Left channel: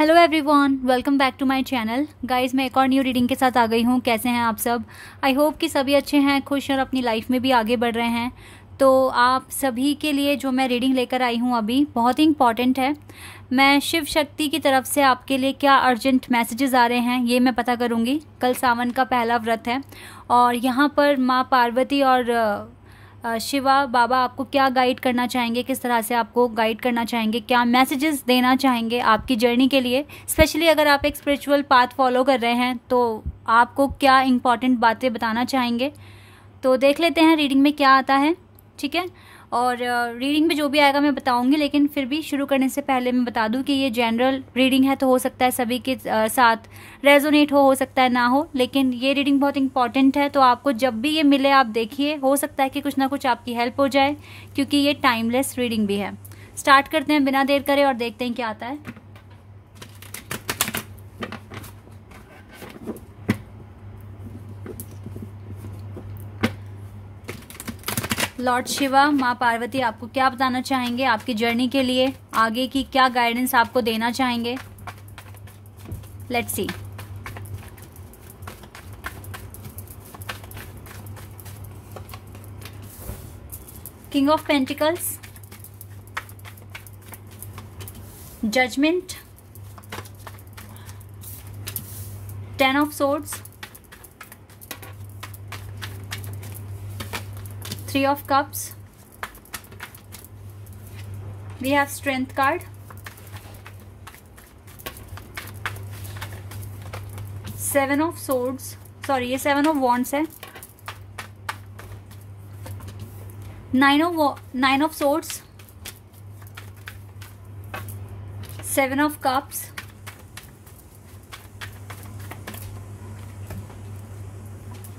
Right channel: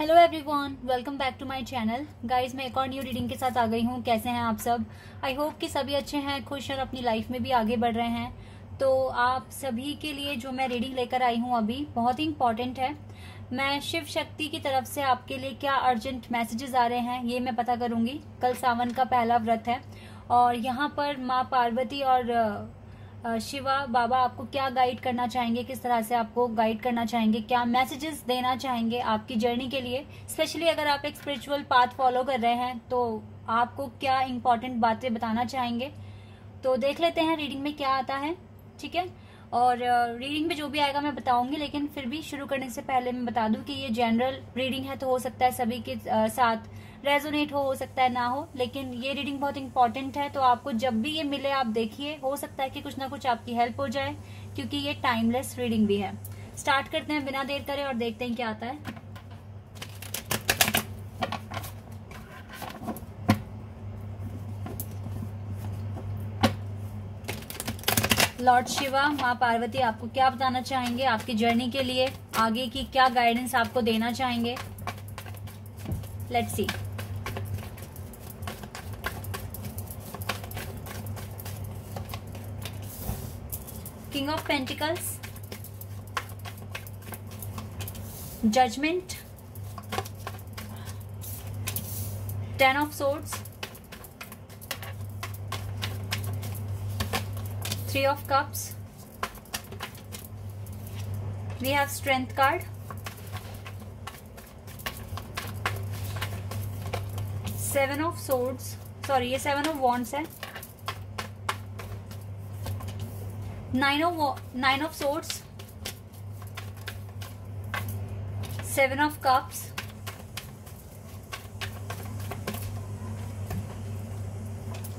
Hello everyone, welcome back to my channel. Guys, मैं एक और न्यू रीडिंग के साथ आ गई हूँ। कैसे हैं आप सब? आई होप कि सभी अच्छे हैं, खुश और अपनी लाइफ में भी आगे बढ़ रहे हैं। तो आप सभी के लिए जो मैं रीडिंग लेकर आई हूँ अभी बहुत ही इम्पॉर्टेंट है। मैं शिव शक्ति की तरफ से आपके लिए क्या अर्जेंट मैसेजेस आ रहे हैं ये मैं पता करूँगी। कल सावन का पहला व्रत है और यहाँ पर माँ पार्वती और शिवा बाबा आपको क्या गाइड करना चाहेंगे, किस तरह से आपको गाइड करना चाहेंगे, क्या मैसेजेस देना चाहेंगे आपकी जर्नी के लिए। स्पेशली अगर आप एक स्पिरिचुअल पाथ फॉलो कर रहे हैं तो आपको क्या इंपॉर्टेंट बातें बताना चाहेंगे। तो देख लेते हैं रीडिंग में क्या आता है, ठीक है। और रीडिंग में जो भी आएगा मैं बताऊंगी, लेकिन फिर भी शुरू करने से पहले मैं बता दूं कि ये जनरल रीडिंग है, तो हो सकता है सभी के साथ रेजोनेट हो सकता है ना हो, लेकिन ये रीडिंग बहुत इंपॉर्टेंट है। तो आपको जब भी ये मिले आप देखिए, हो सकता है कि कुछ ना कुछ आपकी हेल्प हो जाए, क्योंकि ये टाइमलेस रीडिंग भी है। स्टार्ट करते हैं बिना देर करे और देखते हैं क्या आता है। लॉर्ड शिवा, माँ पार्वती आपको क्या बताना चाहेंगे आपकी जर्नी के लिए, आगे की क्या गाइडेंस आपको देना चाहेंगे। Let's see. King of pentacles, judgment, 10 of swords, 3 of cups, we have strength card, 7 of swords, sorry ये 7 of wands है, 9 of swords, 7 of cups,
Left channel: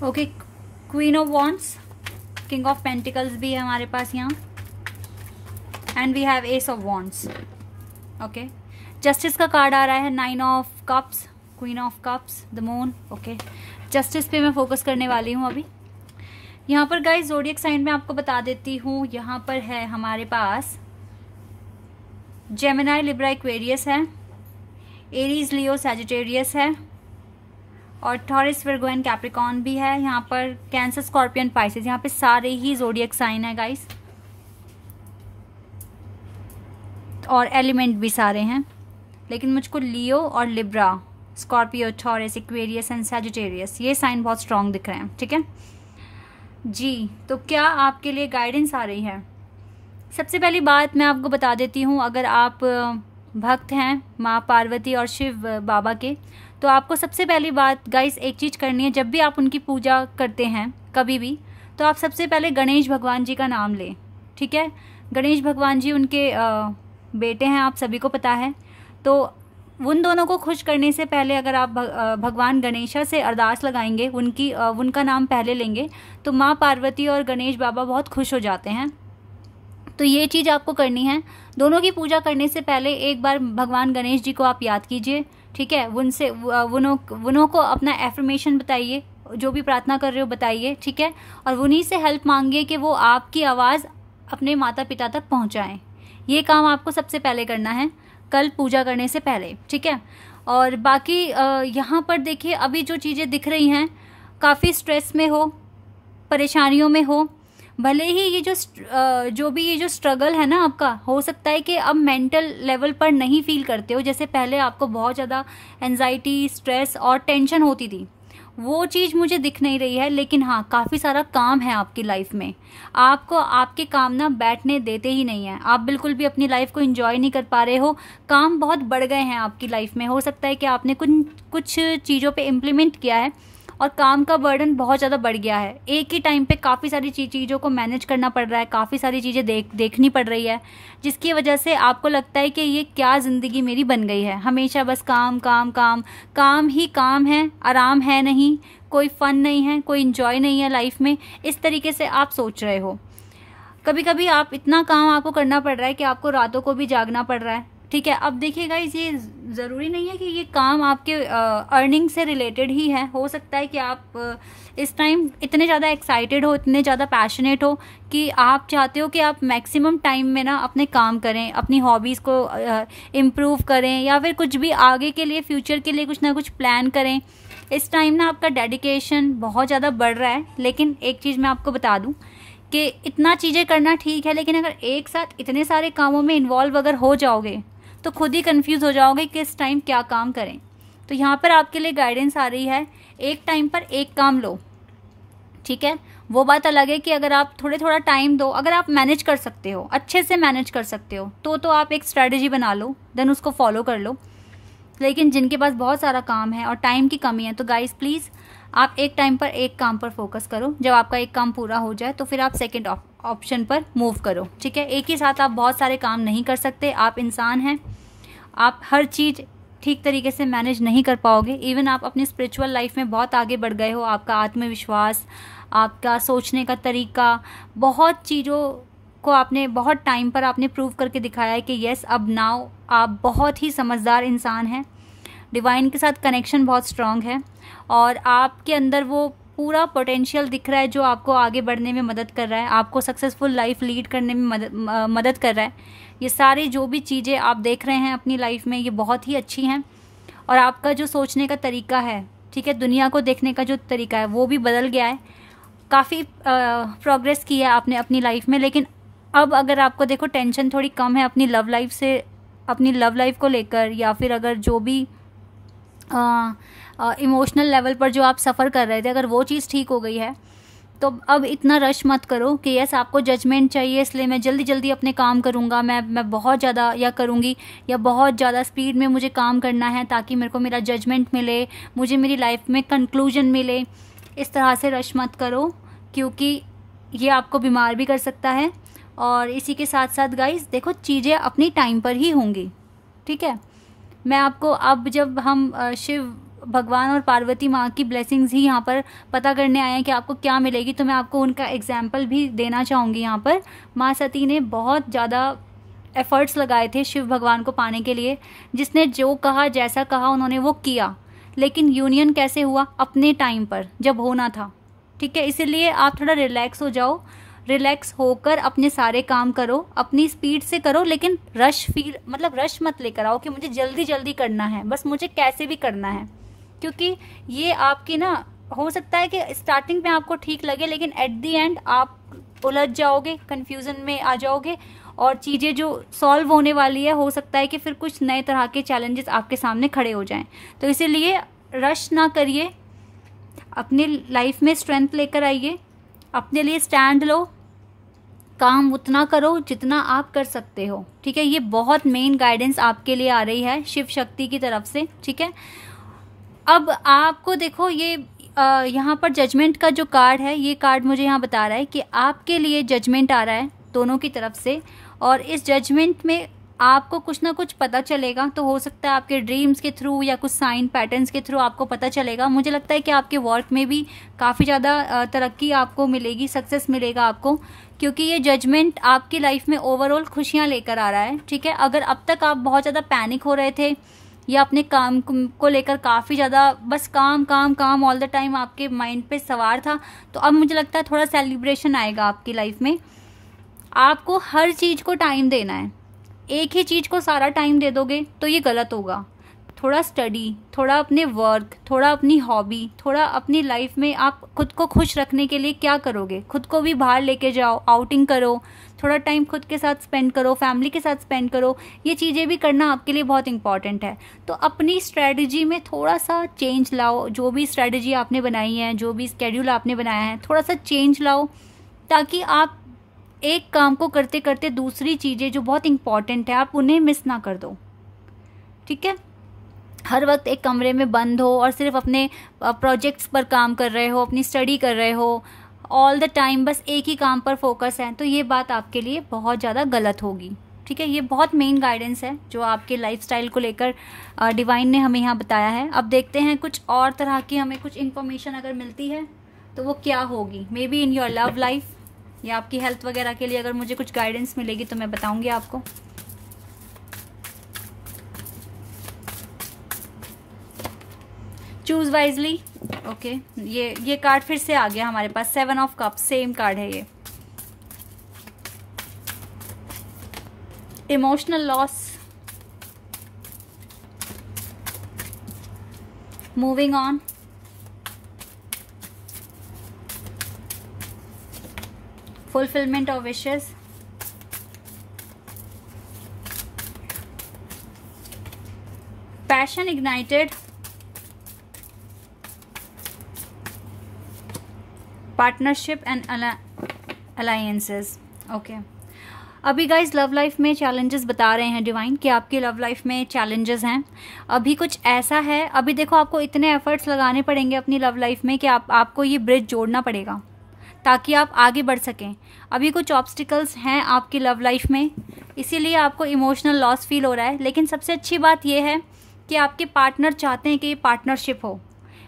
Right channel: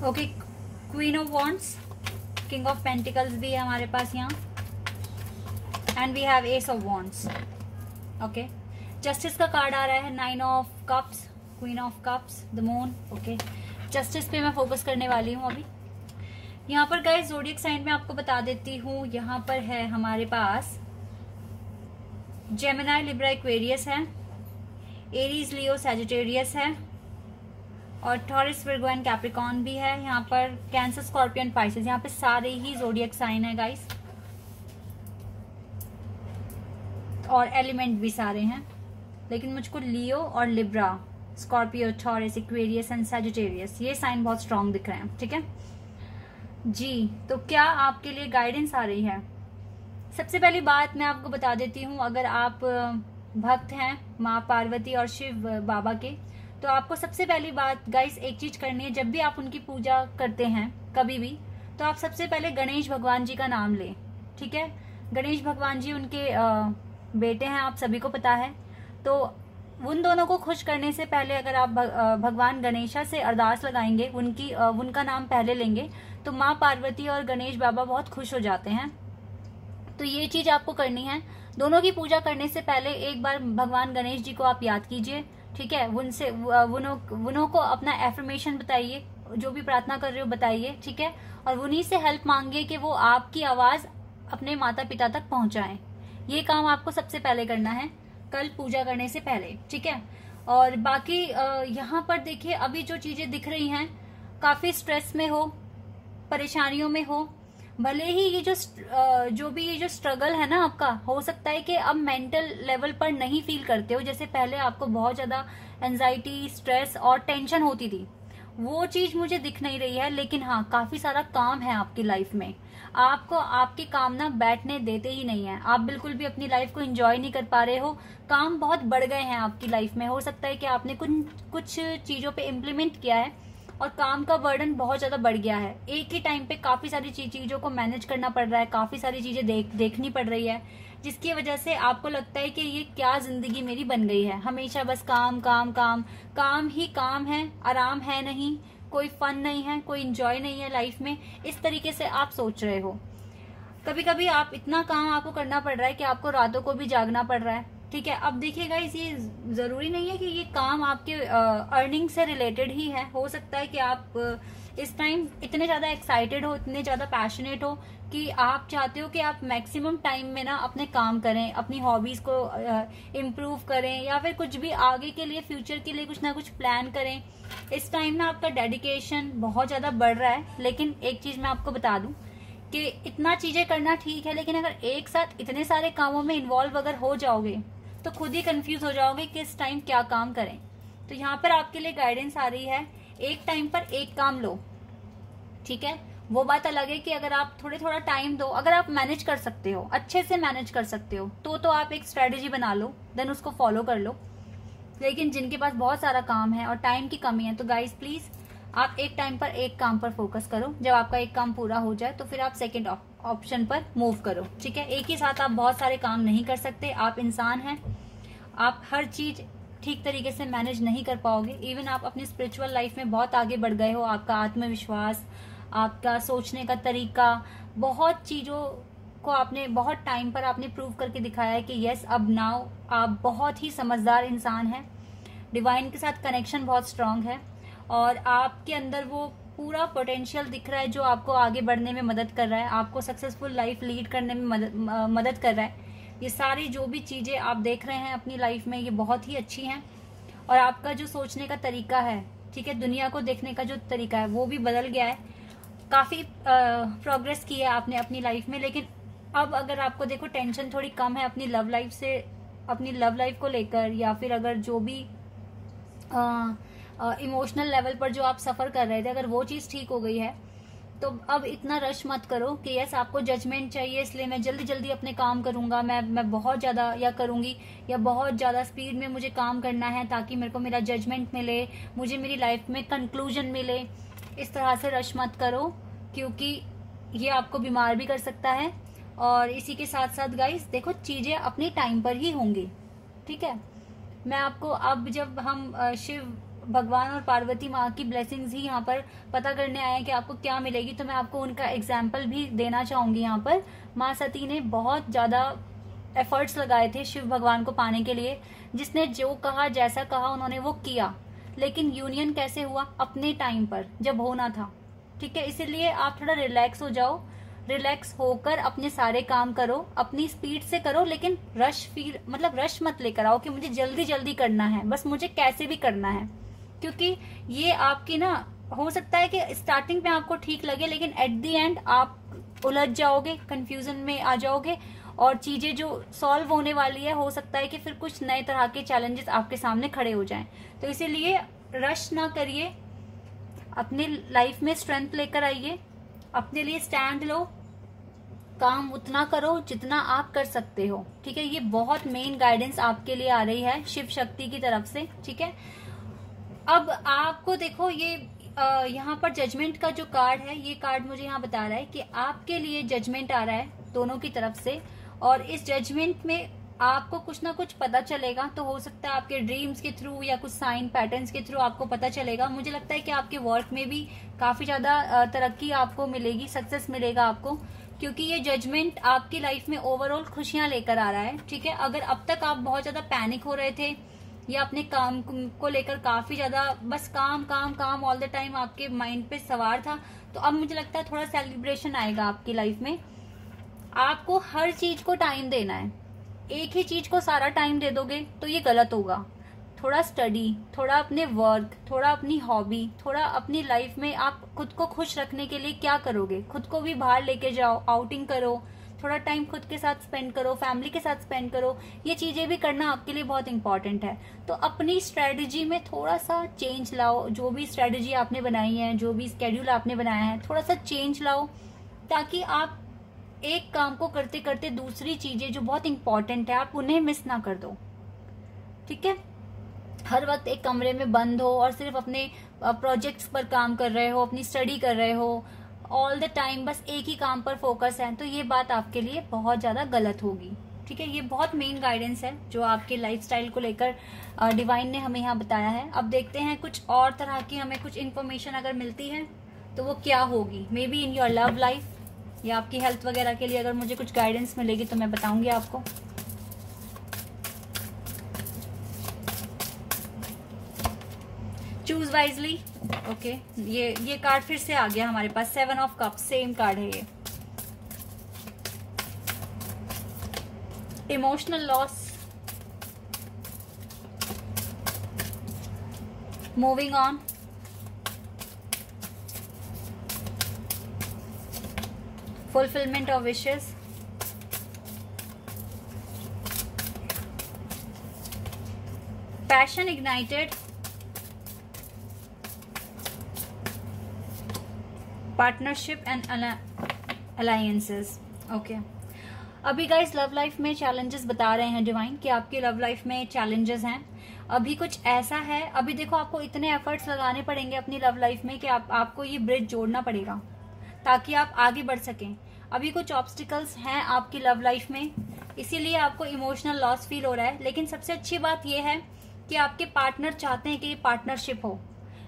okay, queen of wands, king of pentacles भी है हमारे पास यहाँ, and we have ace of wands. Okay, justice का card आ रहा है, 9 of cups, queen of cups, the moon. Okay, justice पे मैं फोकस करने वाली हूँ अभी। यहाँ पर गाइस ज़ोडिएक साइन में आपको बता देती हूँ, यहाँ पर है हमारे पास जेमिनी, लिब्रा, एक्वेरियस है, एरीज, लियो, सैजिटेरियस है, और टॉरस, विर्गो एंड कैप्रिकॉर्न भी है। यहाँ पर कैंसर, स्कॉर्पियन, पाइसेस, यहाँ पे सारे ही ज़ोडिएक साइन है गाइस, और एलिमेंट भी सारे हैं, लेकिन मुझको लियो और Libra, Scorpio, taurus, Aquarius and Sagittarius ये साइन बहुत स्ट्रांग दिख रहे हैं, ठीक है जी। तो क्या आपके लिए गाइडेंस आ रही है? सबसे पहली बात मैं आपको बता देती हूँ, अगर आप भक्त हैं माँ पार्वती और शिव बाबा के, तो आपको सबसे पहली बात गाइस एक चीज करनी है। जब भी आप उनकी पूजा करते हैं कभी भी, तो आप सबसे पहले गणेश भगवान जी का नाम लें, ठीक है। गणेश भगवान जी उनके बेटे हैं, आप सभी को पता है। तो उन दोनों को खुश करने से पहले अगर आप भगवान गणेशा से अरदास लगाएंगे, उनका नाम पहले लेंगे, तो माँ पार्वती और गणेश बाबा बहुत खुश हो जाते हैं। तो ये चीज आपको करनी है। दोनों की पूजा करने से पहले एक बार भगवान गणेश जी को आप याद कीजिए, ठीक है। उनसे उन्हों को अपना एफर्मेशन बताइए, जो भी प्रार्थना कर रहे हो बताइए, ठीक है। और उन्हीं से हेल्प मांगिए कि वो आपकी आवाज अपने माता पिता तक पहुंचाएं। ये काम आपको सबसे पहले करना है कल पूजा करने से पहले, ठीक है। और बाकी यहाँ पर देखिए, अभी जो चीजें दिख रही हैं, काफी स्ट्रेस में हो, परेशानियों में हो, भले ही ये जो स्ट्रगल है ना आपका, हो सकता है कि अब मेंटल लेवल पर नहीं फील करते हो, जैसे पहले आपको बहुत ज्यादा एंजाइटी, स्ट्रेस और टेंशन होती थी, वो चीज मुझे दिख नहीं रही है। लेकिन हाँ, काफी सारा काम है आपकी लाइफ में, आपको आपके काम ना बैठने देते ही नहीं है, आप बिल्कुल भी अपनी लाइफ को एंजॉय नहीं कर पा रहे हो, काम बहुत बढ़ गए हैं आपकी लाइफ में। हो सकता है कि आपने कुछ चीजों पे इम्प्लीमेंट किया है और काम का बर्डन बहुत ज्यादा बढ़ गया है, एक ही टाइम पे काफी सारी चीजों को मैनेज करना पड़ रहा है, काफी सारी चीजें देखनी पड़ रही है, जिसकी वजह से आपको लगता है कि ये क्या जिंदगी मेरी बन गई है, हमेशा बस काम काम काम, काम ही काम है, आराम है नहीं, कोई फन नहीं है, कोई इंजॉय नहीं है लाइफ में। इस तरीके से आप सोच रहे हो। कभी कभी आप इतना काम आपको करना पड़ रहा है कि आपको रातों को भी जागना पड़ रहा है, ठीक है। अब देखिए गाइस, ये जरूरी नहीं है कि ये काम आपके अर्निंग से रिलेटेड ही है। हो सकता है कि आप इस टाइम इतने ज्यादा एक्साइटेड हो, इतने ज्यादा पैशनेट हो कि आप चाहते हो कि आप मैक्सिमम टाइम में ना अपने काम करें, अपनी हॉबीज को इम्प्रूव करें, या फिर कुछ भी आगे के लिए, फ्यूचर के लिए कुछ ना कुछ प्लान करें। इस टाइम ना आपका डेडिकेशन बहुत ज्यादा बढ़ रहा है। लेकिन एक चीज मैं आपको बता दूं कि इतना चीजें करना ठीक है, लेकिन अगर एक साथ इतने सारे कामों में इन्वॉल्व अगर हो जाओगे तो खुद ही कंफ्यूज हो जाओगे कि इस टाइम क्या काम करें। तो यहाँ पर आपके लिए गाइडेंस आ रही है, एक टाइम पर एक काम लो, ठीक है। वो बात अलग है कि अगर आप थोड़ा टाइम दो, अगर आप मैनेज कर सकते हो, अच्छे से मैनेज कर सकते हो, तो आप एक स्ट्रेटेजी बना लो, देन उसको फॉलो कर लो। लेकिन जिनके पास बहुत सारा काम है और टाइम की कमी है, तो गाइस प्लीज आप एक टाइम पर एक काम पर फोकस करो। जब आपका एक काम पूरा हो जाए तो फिर आप सेकंड ऑप्शन पर मूव करो, ठीक है। एक ही साथ आप बहुत सारे काम नहीं कर सकते, आप इंसान हैं, आप हर चीज ठीक तरीके से मैनेज नहीं कर पाओगे। इवन आप अपनी स्पिरिचुअल लाइफ में बहुत आगे बढ़ गए हो, आपका आत्मविश्वास, आपका सोचने का तरीका, बहुत चीज़ों को आपने बहुत टाइम पर आपने प्रूव करके दिखाया है कि यस, अब नाउ आप बहुत ही समझदार इंसान हैं, डिवाइन के साथ कनेक्शन बहुत स्ट्रांग है, और आपके अंदर वो पूरा पोटेंशियल दिख रहा है जो आपको आगे बढ़ने में मदद कर रहा है, आपको सक्सेसफुल लाइफ लीड करने में मदद कर रहा है। ये सारी जो भी चीज़ें आप देख रहे हैं अपनी लाइफ में, ये बहुत ही अच्छी हैं। और आपका जो सोचने का तरीका है, ठीक है, दुनिया को देखने का जो तरीका है, वो भी बदल गया है। काफ़ी प्रोग्रेस की है आपने अपनी लाइफ में। लेकिन अब अगर आपको देखो टेंशन थोड़ी कम है अपनी लव लाइफ से, अपनी लव लाइफ को लेकर, या फिर अगर जो भी इमोशनल लेवल पर जो आप सफ़र कर रहे थे, अगर वो चीज़ ठीक हो गई है, तो अब इतना रश मत करो कि यस आपको जजमेंट चाहिए इसलिए मैं जल्दी जल्दी अपने काम करूँगा, मैं बहुत ज़्यादा या करूँगी, या बहुत ज़्यादा स्पीड में मुझे काम करना है ताकि मेरे को मेरा जजमेंट मिले, मुझे मेरी लाइफ में कंक्लूजन मिले। इस तरह से रश मत करो, क्योंकि ये आपको बीमार भी कर सकता है। और इसी के साथ साथ गाइस देखो, चीज़ें अपनी टाइम पर ही होंगी, ठीक है। मैं आपको अब जब हम शिव भगवान और पार्वती माँ की ब्लेसिंग्स ही यहाँ पर पता करने आए हैं कि आपको क्या मिलेगी, तो मैं आपको उनका एग्जाम्पल भी देना चाहूँगी। यहाँ पर माँ सती ने बहुत ज़्यादा एफर्ट्स लगाए थे शिव भगवान को पाने के लिए। जिसने जो कहा, जैसा कहा, उन्होंने वो किया। लेकिन यूनियन कैसे हुआ? अपने टाइम पर, जब होना था, ठीक है। इसीलिए आप थोड़ा रिलैक्स हो जाओ, रिलैक्स होकर अपने सारे काम करो, अपनी स्पीड से करो, लेकिन रश मत लेकर आओ कि मुझे जल्दी जल्दी करना है, बस मुझे कैसे भी करना है। क्योंकि ये आपकी ना, हो सकता है कि स्टार्टिंग में आपको ठीक लगे, लेकिन एट द एंड आप उलझ जाओगे, कंफ्यूजन में आ जाओगे, और चीजें जो सॉल्व होने वाली है, हो सकता है कि फिर कुछ नए तरह के चैलेंजेस आपके सामने खड़े हो जाएं। तो इसीलिए रश ना करिए, अपनी लाइफ में स्ट्रेंथ लेकर आइए, अपने लिए स्टैंड लो, काम उतना करो जितना आप कर सकते हो, ठीक है। ये बहुत मेन गाइडेंस आपके लिए आ रही है शिव शक्ति की तरफ से, ठीक है। अब आपको देखो, ये यहाँ पर जजमेंट का जो कार्ड है, ये कार्ड मुझे यहाँ बता रहा है कि आपके लिए जजमेंट आ रहा है दोनों की तरफ से, और इस जजमेंट में आपको कुछ ना कुछ पता चलेगा। तो हो सकता है आपके ड्रीम्स के थ्रू या कुछ साइन पैटर्न्स के थ्रू आपको पता चलेगा। मुझे लगता है कि आपके वर्क में भी काफ़ी ज़्यादा तरक्की आपको मिलेगी, सक्सेस मिलेगा आपको, क्योंकि ये जजमेंट आपकी लाइफ में ओवरऑल खुशियाँ लेकर आ रहा है, ठीक है। अगर अब तक आप बहुत ज़्यादा पैनिक हो रहे थे या अपने काम को लेकर काफ़ी ज़्यादा बस काम काम काम ऑल द टाइम आपके माइंड पे सवार था, तो अब मुझे लगता है थोड़ा सेलिब्रेशन आएगा आपकी लाइफ में। आपको हर चीज़ को टाइम देना है, एक ही चीज़ को सारा टाइम दे दोगे तो ये गलत होगा। थोड़ा स्टडी, थोड़ा अपने वर्क, थोड़ा अपनी हॉबी, थोड़ा अपनी लाइफ में आप खुद को खुश रखने के लिए क्या करोगे? खुद को भी बाहर लेके जाओ, आउटिंग करो, थोड़ा टाइम खुद के साथ स्पेंड करो, फैमिली के साथ स्पेंड करो। ये चीज़ें भी करना आपके लिए बहुत इंपॉर्टेंट है। तो अपनी स्ट्रेटजी में थोड़ा सा चेंज लाओ, जो भी स्ट्रेटजी आपने बनाई है, जो भी स्केड्यूल आपने बनाया है, थोड़ा सा चेंज लाओ, ताकि आप एक काम को करते करते दूसरी चीज़ें जो बहुत इंपॉर्टेंट है आप उन्हें मिस ना कर दो, ठीक है। हर वक्त एक कमरे में बंद हो और सिर्फ अपने प्रोजेक्ट्स पर काम कर रहे हो, अपनी स्टडी कर रहे हो, ऑल द टाइम बस एक ही काम पर फोकस है, तो ये बात आपके लिए बहुत ज़्यादा गलत होगी, ठीक है। ये बहुत मेन गाइडेंस है जो आपके लाइफस्टाइल को लेकर डिवाइन ने हमें यहाँ बताया है। अब देखते हैं कुछ और तरह की हमें कुछ इन्फॉर्मेशन अगर मिलती है तो वो क्या होगी। May be in your love life या आपकी हेल्थ वगैरह के लिए अगर मुझे कुछ गाइडेंस मिलेगी तो मैं बताऊंगी आपको। Choose wisely. ओके, ये कार्ड फिर से आ गया हमारे पास, 7 ऑफ कप्स, सेम कार्ड है ये। Emotional loss, moving on, fulfilment of wishes, passion ignited, partnership and alliances. Okay, अभी गाइज लव लाइफ में चैलेंजेस बता रहे हैं डिवाइन कि आपकी लव लाइफ में चैलेंजेस हैं। अभी कुछ ऐसा है, अभी देखो आपको इतने एफर्ट्स लगाने पड़ेंगे अपनी लव लाइफ में कि आपको ये ब्रिज जोड़ना पड़ेगा ताकि आप आगे बढ़ सकें। अभी कुछ ऑब्स्टिकल्स हैं आपकी लव लाइफ में, इसीलिए आपको इमोशनल लॉस फील हो रहा है। लेकिन सबसे अच्छी बात यह है कि आपके पार्टनर चाहते हैं कि ये पार्टनरशिप हो।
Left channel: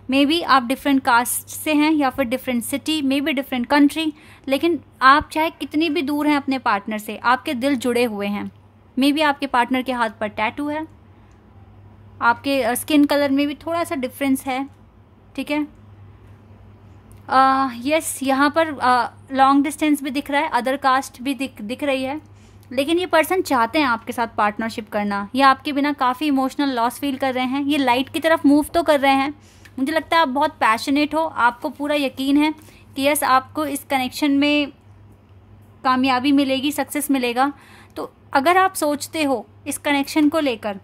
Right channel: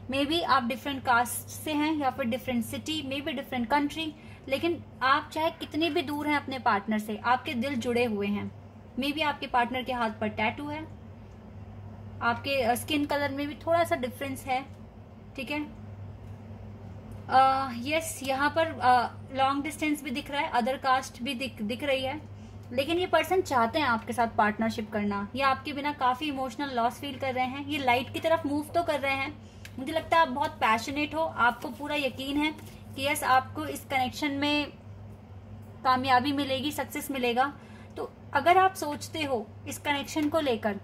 मे बी आप डिफरेंट कास्ट से हैं या फिर different city, may be different country, लेकिन आप चाहे कितनी भी दूर हैं अपने पार्टनर से, आपके दिल जुड़े हुए हैं। मे बी आपके पार्टनर के हाथ पर टैटू है, आपके स्किन कलर में भी थोड़ा सा डिफरेंस है, ठीक है। यस, यहाँ पर लॉन्ग डिस्टेंस भी दिख रहा है, अदर कास्ट भी दिख रही है, लेकिन ये पर्सन चाहते हैं आपके साथ पार्टनरशिप करना। ये आपके बिना काफ़ी इमोशनल लॉस फील कर रहे हैं। ये लाइट की तरफ मूव तो कर रहे हैं। मुझे लगता है आप बहुत पैशनेट हो, आपको पूरा यकीन है कि यस आपको इस कनेक्शन में कामयाबी मिलेगी, सक्सेस मिलेगा। तो अगर आप सोचते हो इस कनेक्शन को लेकर,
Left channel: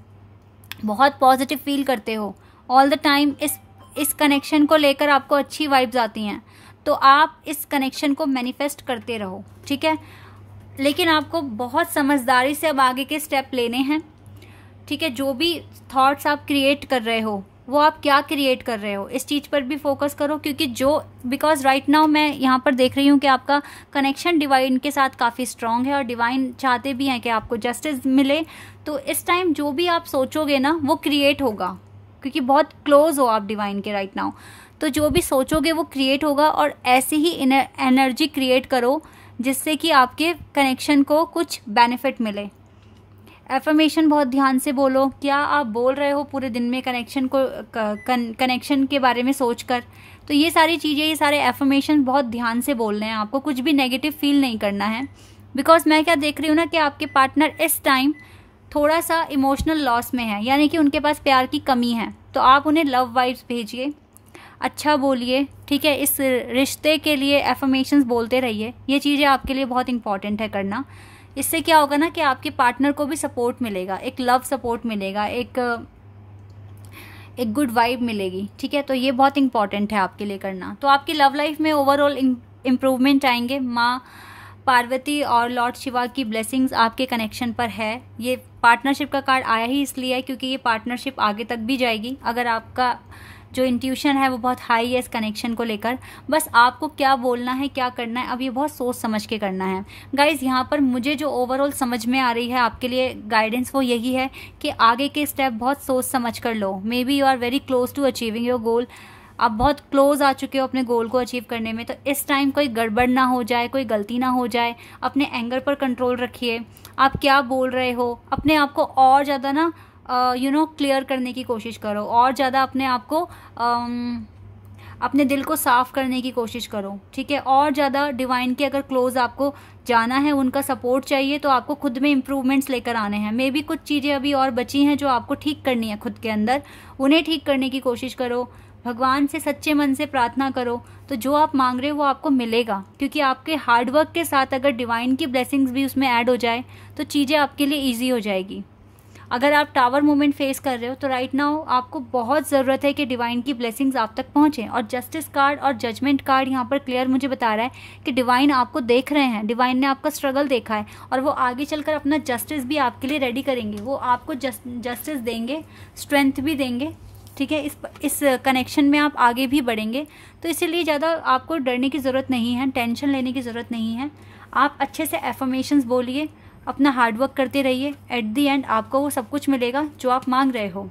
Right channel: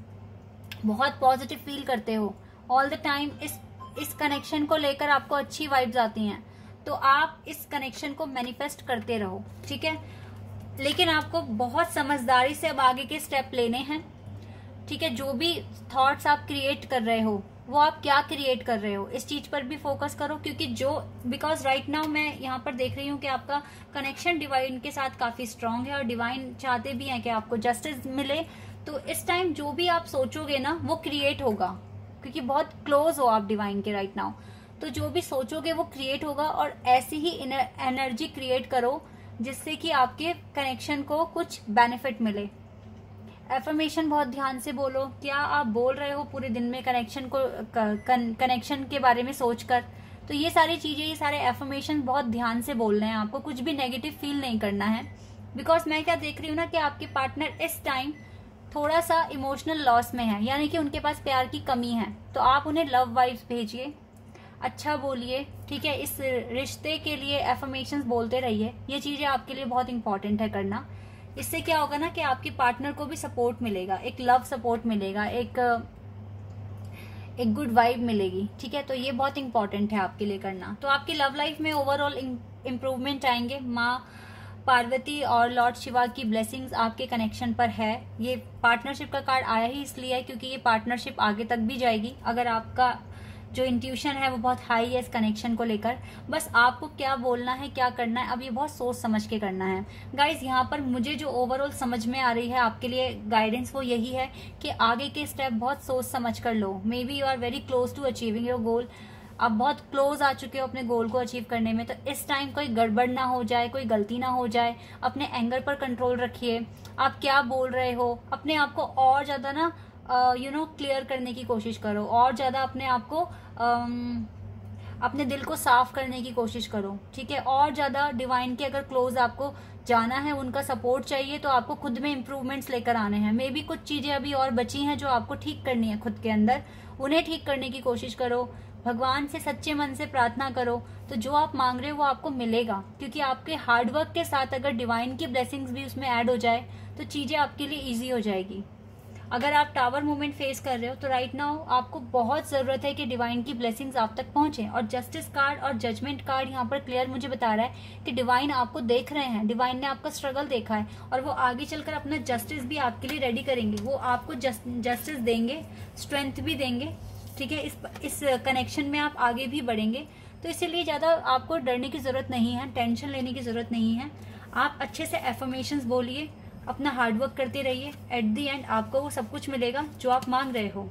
बहुत पॉजिटिव फील करते हो ऑल द टाइम, इस कनेक्शन को लेकर आपको अच्छी वाइब्स आती हैं, तो आप इस कनेक्शन को मैनिफेस्ट करते रहो, ठीक है। लेकिन आपको बहुत समझदारी से अब आगे के स्टेप लेने हैं, ठीक है। जो भी थॉट्स आप क्रिएट कर रहे हो, वो आप क्या क्रिएट कर रहे हो, इस चीज पर भी फोकस करो। क्योंकि बिकॉज राइट नाउ मैं यहाँ पर देख रही हूँ कि आपका कनेक्शन डिवाइन के साथ काफी स्ट्रांग है और डिवाइन चाहते भी हैं कि आपको जस्टिस मिले। तो इस टाइम जो भी आप सोचोगे ना वो क्रिएट होगा, क्योंकि बहुत क्लोज हो आप डिवाइन के राइट नाउ। तो जो भी सोचोगे वो क्रिएट होगा, और ऐसे ही एनर्जी क्रिएट करो जिससे कि आपके कनेक्शन को कुछ बेनिफिट मिले। एफर्मेशन बहुत ध्यान से बोलो। क्या आप बोल रहे हो पूरे दिन में कनेक्शन के बारे में सोचकर? तो ये सारी चीजें, ये सारे एफर्मेशन बहुत ध्यान से बोलने हैं आपको, कुछ भी नेगेटिव फील नहीं करना है। बिकॉज मैं क्या देख रही हूँ ना कि आपके पार्टनर इस टाइम थोड़ा सा इमोशनल लॉस में है, यानी कि उनके पास प्यार की कमी है। तो आप उन्हें लव वाइब्स भेजिए, अच्छा बोलिए, ठीक है। इस रिश्ते के लिए एफर्मेशंस बोलते रहिए। ये चीजें आपके लिए बहुत इंपॉर्टेंट है करना। इससे क्या होगा ना कि आपके पार्टनर को भी सपोर्ट मिलेगा, एक लव सपोर्ट मिलेगा, एक गुड वाइब मिलेगी, ठीक है। तो ये बहुत इंपॉर्टेंट है आपके लिए करना। तो आपकी लव लाइफ में ओवरऑल इम्प्रूवमेंट आएंगे। माँ पार्वती और लॉर्ड शिवा की ब्लेसिंग्स आपके कनेक्शन पर है। ये पार्टनरशिप का कार्ड आया ही इसलिए है क्योंकि ये पार्टनरशिप आगे तक भी जाएगी। अगर आपका जो इंट्यूशन है वो बहुत हाई है इस कनेक्शन को लेकर, बस आपको क्या बोलना है, क्या करना है, अब ये बहुत सोच समझ के करना है। गाइज यहाँ पर मुझे जो ओवरऑल समझ में आ रही है आपके लिए गाइडेंस वो यही है कि आगे के स्टेप बहुत सोच समझ कर लो। May be you are very close to achieving your goal. आप बहुत क्लोज आ चुके हो अपने गोल को अचीव करने में। तो इस टाइम कोई गड़बड़ ना हो जाए, कोई गलती ना हो जाए। अपने एंगर पर कंट्रोल रखिए। आप क्या बोल रहे हो, अपने आप को और ज़्यादा ना क्लियर करने की कोशिश करो, और ज़्यादा अपने आप को अपने दिल को साफ करने की कोशिश करो, ठीक है। और ज़्यादा डिवाइन के अगर क्लोज आपको जाना है, उनका सपोर्ट चाहिए, तो आपको खुद में इम्प्रूवमेंट्स लेकर आने हैं। मे बी कुछ चीज़ें अभी और बची हैं जो आपको ठीक करनी है खुद के अंदर, उन्हें ठीक करने की कोशिश करो। भगवान से सच्चे मन से प्रार्थना करो, तो जो आप मांग रहे हो वो आपको मिलेगा। क्योंकि आपके हार्डवर्क के साथ अगर डिवाइन की ब्लेसिंग्स भी उसमें ऐड हो जाए तो चीज़ें आपके लिए ईजी हो जाएगी। अगर आप टावर मूवमेंट फेस कर रहे हो तो राइट नाउ आपको बहुत ज़रूरत है कि डिवाइन की ब्लेसिंग्स आप तक पहुंचे। और जस्टिस कार्ड और जजमेंट कार्ड यहाँ पर क्लियर मुझे बता रहा है कि डिवाइन आपको देख रहे हैं, डिवाइन ने आपका स्ट्रगल देखा है और वो आगे चलकर अपना जस्टिस भी आपके लिए रेडी करेंगे। वो आपको जस्टिस देंगे, स्ट्रेंथ भी देंगे, ठीक है। इस कनेक्शन में आप आगे भी बढ़ेंगे। तो इसीलिए ज़्यादा आपको डरने की ज़रूरत नहीं है, टेंशन लेने की ज़रूरत नहीं है। आप अच्छे से एफर्मेशंस बोलिए, अपना हार्डवर्क करते रहिए। एट दी एंड आपको वो सब कुछ मिलेगा जो आप मांग रहे हो,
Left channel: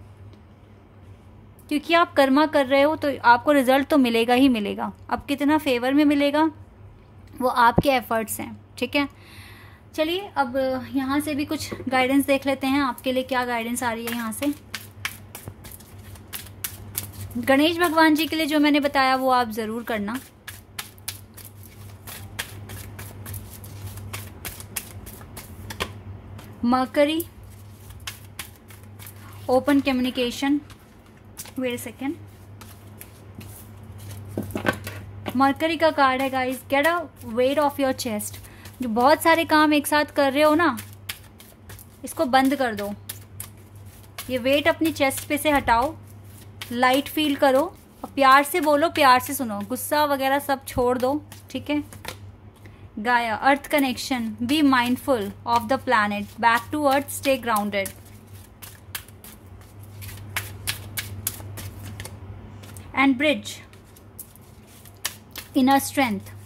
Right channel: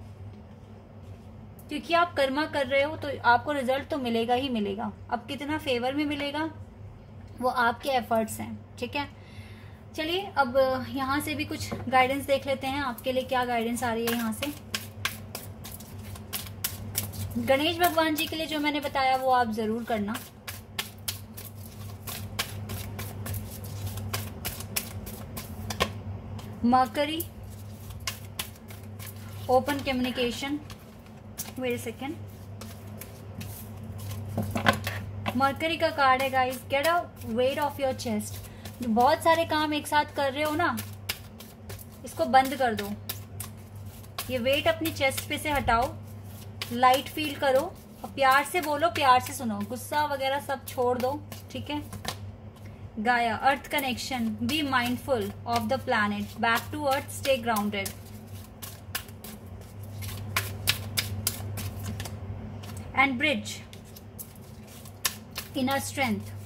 क्योंकि आप कर्मा कर रहे हो तो आपको रिजल्ट तो मिलेगा ही मिलेगा। अब कितना फेवर में मिलेगा वो आपके एफर्ट्स हैं, ठीक है। चलिए अब यहाँ से भी कुछ गाइडेंस देख लेते हैं, आपके लिए क्या गाइडेंस आ रही है यहाँ से। गणेश भगवान जी के लिए जो मैंने बताया वो आप जरूर करना। Mercury, open communication, wait a second, mercury का कार्ड है guys. Get a weight off your chest. जो बहुत सारे काम एक साथ कर रहे हो ना, इसको बंद कर दो। ये वेट अपनी चेस्ट पे से हटाओ, लाइट फील करो और प्यार से बोलो, प्यार से सुनो, गुस्सा वगैरह सब छोड़ दो, ठीक है। Gaia, earth connection, be mindful of the planet, back to earth, stay grounded. And bridge, inner strength.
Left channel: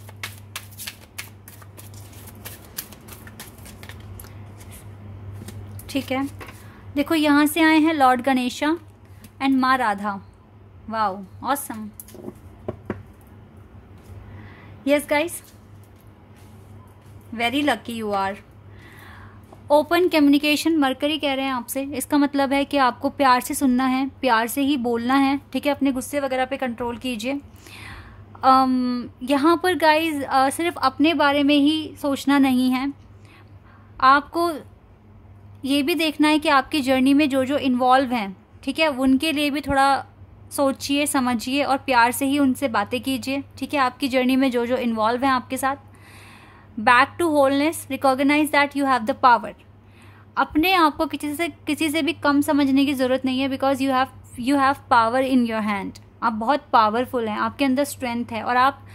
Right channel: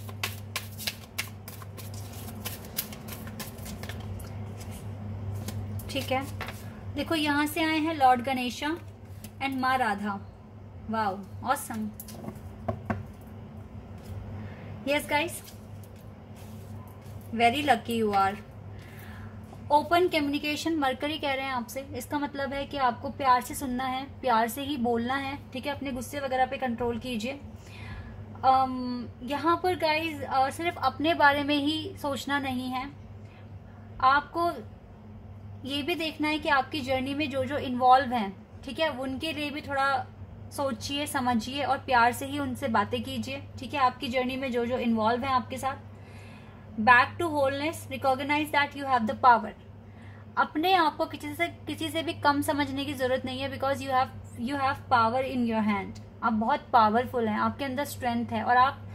ठीक है, देखो यहां से आए हैं लॉर्ड गणेशा एंड माँ Radha. Wow, awesome. Yes guys, very lucky you are. Open communication, mercury कह रहे हैं आपसे। इसका मतलब है कि आपको प्यार से सुनना है, प्यार से ही बोलना है, ठीक है। अपने गुस्से वगैरह पे कंट्रोल कीजिए। यहाँ पर गाइज सिर्फ अपने बारे में ही सोचना नहीं है, आपको ये भी देखना है कि आपकी जर्नी में जो जो इन्वॉल्व हैं, ठीक है, उनके लिए भी थोड़ा सोचिए, समझिए और प्यार से ही उनसे बातें कीजिए, ठीक है। आपकी जर्नी में जो जो इन्वॉल्व हैं आपके साथ। Back to wholeness, recognise that you have the power. अपने आप को किसी से भी कम समझने की जरूरत नहीं है, because you have power in your hand. आप बहुत पावरफुल हैं, आपके अंदर स्ट्रेंथ है और आप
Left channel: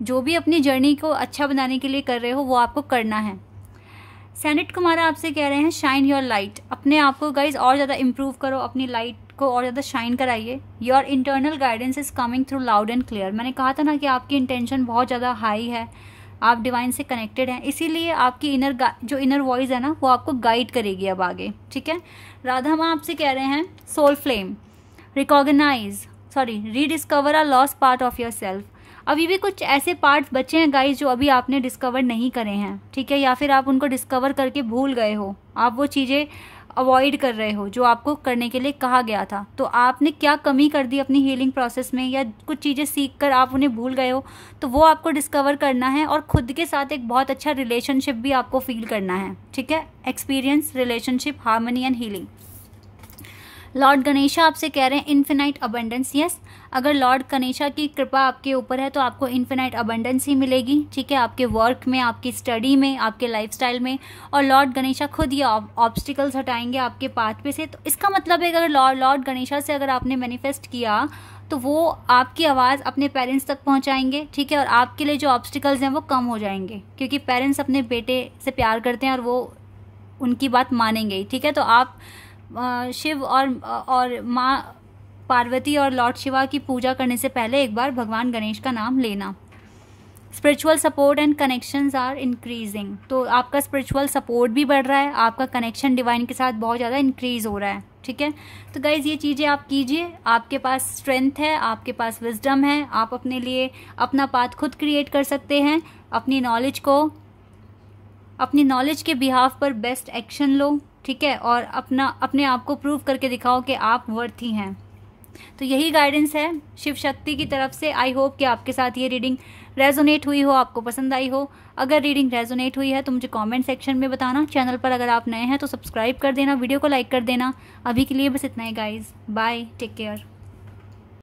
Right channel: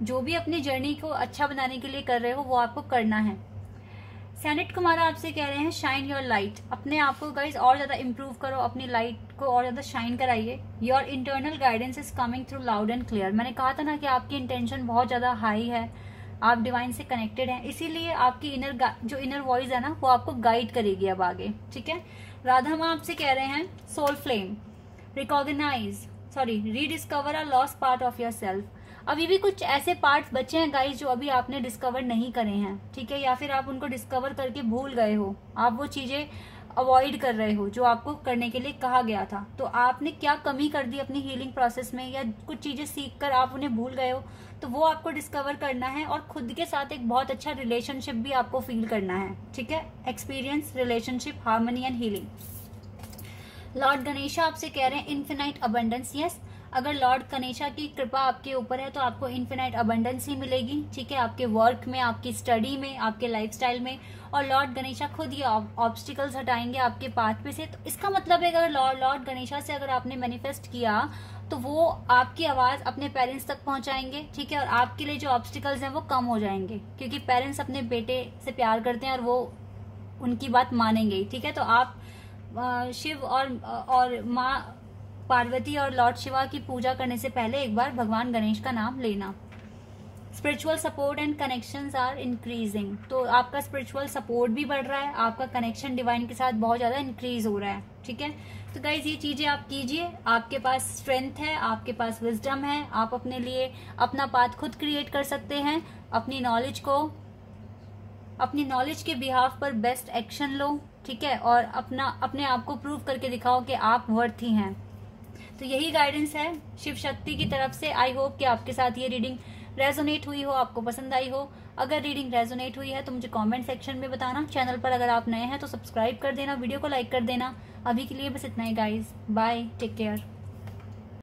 जो भी अपनी जर्नी को अच्छा बनाने के लिए कर रहे हो वो आपको करना है। सैनिट कुमारा आपसे कह रहे हैं शाइन योर लाइट। अपने आप को गाइज और ज्यादा इंप्रूव करो, अपनी लाइट को और ज्यादा शाइन कराइए। Your internal guidance is coming through loud and clear. मैंने कहा था ना कि आपकी इंटेंशन बहुत ज्यादा हाई है, आप डिवाइन से कनेक्टेड हैं, इसीलिए आपकी जो इनर वॉइस है ना वो आपको गाइड करेगी अब आगे, ठीक है। राधा माँ आपसे कह रहे हैं soul flame, rediscover a lost part of yourself. अभी भी कुछ ऐसे पार्ट्स बचे हैं गाइस जो अभी आपने डिस्कवर नहीं करे हैं, ठीक है, या फिर आप उनको डिस्कवर करके भूल गए हो, आप वो चीजें अवॉइड कर रहे हो जो आपको करने के लिए कहा गया था। तो आपने क्या कमी कर दी अपनी हीलिंग प्रोसेस में, या कुछ चीजें सीख कर आप उन्हें भूल गए हो, तो वो आपको डिस्कवर करना है और खुद के साथ एक बहुत अच्छा रिलेशनशिप भी आपको फील करना है, ठीक है। Experience relationship, harmony and healing. Lord Ganesha आपसे कह रहे हैं इन्फिनाइट अबंडेंस। यस, अगर लॉर्ड गणेशा की कृपा आपके ऊपर है तो आपको इन्फिनाइट अबंडेंस ही मिलेगी, ठीक है, आपके वर्क में, आपकी स्टडी में, आपके लाइफस्टाइल में। और लॉर्ड गणेशा खुद ये ऑब्स्टिकल्स हटाएंगे आपके पाथ पे से। तो इसका मतलब है अगर लॉर्ड गणेशा से अगर आपने मैनिफेस्ट किया तो वो आपकी आवाज अपने पेरेंट्स तक पहुंचाएंगे, ठीक है, और आपके लिए जो ऑब्स्टिकल्स हैं वो कम हो जाएंगे, क्योंकि पेरेंट्स अपने बेटे से प्यार करते हैं और वो उनकी बात मानेंगे, ठीक है। तो आप शिव और माँ पार्वती और लॉर्ड शिवा की पूजा करने से पहले एक बार भगवान गणेश का नाम लेना। Spiritual support and connections are increasing. तो आपका स्पिरिचुअल सपोर्ट भी बढ़ रहा है, आपका कनेक्शन डिवाइन के साथ बहुत ज़्यादा इंक्रीज हो रहा है, ठीक है। तो गाइज ये चीज़ें आप कीजिए, आपके पास स्ट्रेंथ है, आपके पास विजडम है, आप अपने लिए अपना पाथ खुद क्रिएट कर सकते हैं। अपनी नॉलेज के बिहाफ पर बेस्ट एक्शन लो, ठीक है, और अपने आप को प्रूव करके दिखाओ कि आप वर्थी हैं। तो यही गाइडेंस है शिव शक्ति की तरफ से। आई होप कि आपके साथ ये रीडिंग रेजोनेट हुई हो, आपको पसंद आई हो। अगर रीडिंग रेजोनेट हुई है तो मुझे कमेंट सेक्शन में बताना। चैनल पर अगर आप नए हैं तो सब्सक्राइब कर देना, वीडियो को लाइक कर देना। अभी के लिए बस इतना ही गाइज, बाय, टेक केयर।